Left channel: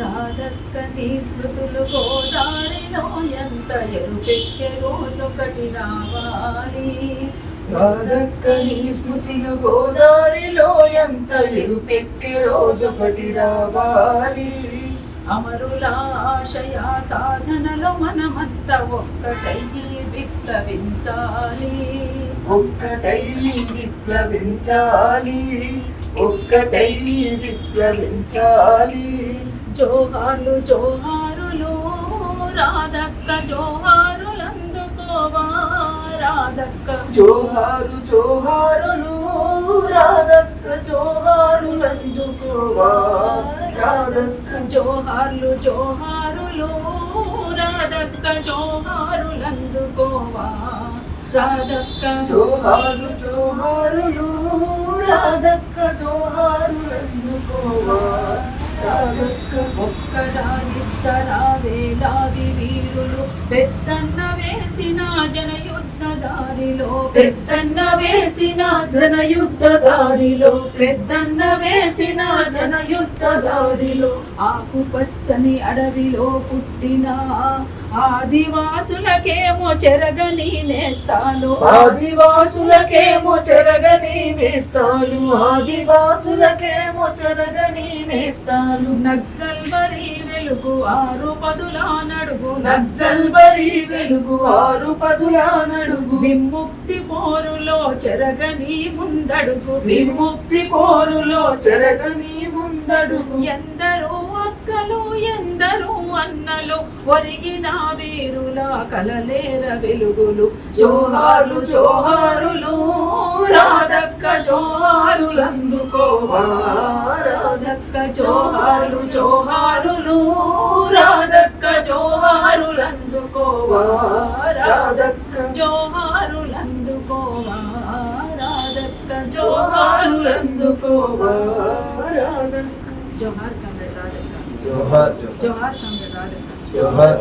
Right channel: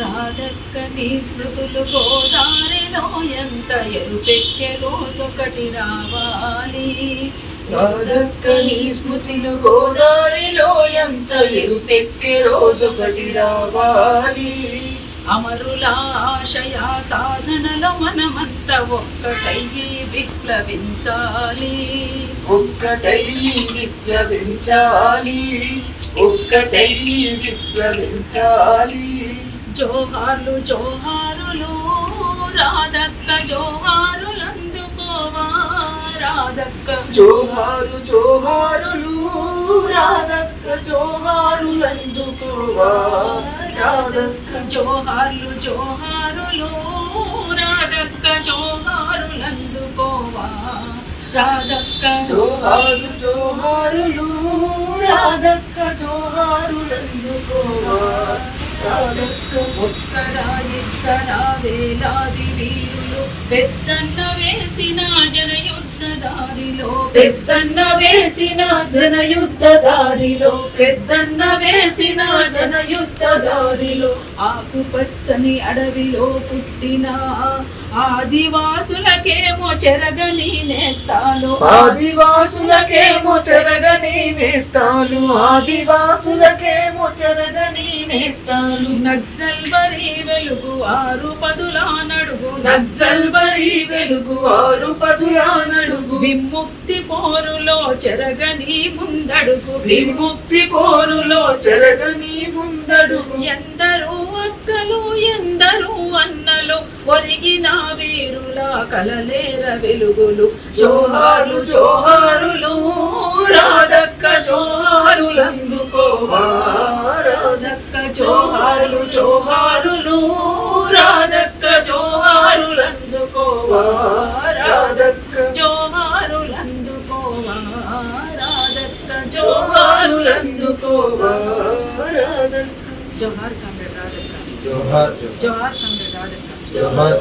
రాధక్క నీ స్మృతులు గోదారిలో ఎంత ఎరుపెక్కే రోజొకటి రావాలి. రాధక్క నీ స్మృతులు గోదారిలో ఎంత ఎరుపెక్కే రోజొకటి రావాలి. అమరుల ఆశయ సాధనలో మనమంతా ఒక్కటయ్యి విప్లవించాలి. ఒక్కటయ్యి విప్లవించాలి. ఒక్కటయ్యి విప్లవించాలి. జోహార్లు జోహారులు రాధక్క జోహారులందుకోవా. రాధక్క జోహారు జోహారులు రాధక్క జోహారులందుకోవా. రాధక్క జోహార్లు జోహారులు రాధక్క జోహారులందుకోవా. రాధక్క జోహారు జోహారులు రాధక్క జోహారులందుకోవా. రాధక్క ఒక్కరా ఇద్దరా వేలాది వీరులు పెద్దన్న వేసిన జనయుద్ధ దారిలో. పెద్దన్న వేసిన జనయుద్ధ దారిలో. పెద్దన్న వేసిన జనయుద్ధ దారిలో. ఆకుపచ్చని అడవిలో పుట్టిన ఆదివాసులకేమో చెరగని నేస్తాలు. ఆదివాసులకేమో చెరగని నేస్తాలు. ఆదివాసులకేమో చెరగని నేస్తాలు. నక్సల్బరీ వెలుగు 6 పదుల నడుగు. నక్సల్బరీ వెలుగు 6 పదుల నడుగు. విముక్తి పోరులో చెరగని ముందడుగు. విముక్తి పోరులో చెరగని ముందడుగు. ఎందరూ అక్కలు ఎందరూ అన్నలు ఒరిగిన వీరుల కలలేర వెలుగులు. జోహార్లు జోహారులు రాధక్క జోహారులందుకోవా. రాధక్క జోహార్లు జోహారులు రాధక్క జోహారులందుకోవా. రాధక్క జోహారులందుకోవా. రాధక్క జోహారులందుకోవా. రాధక్క జోహార్ కామ్రేడ్ రాధక్క. జోహార్ జోహార్ కామ్రేడ్ రాధక్క. జోహార్.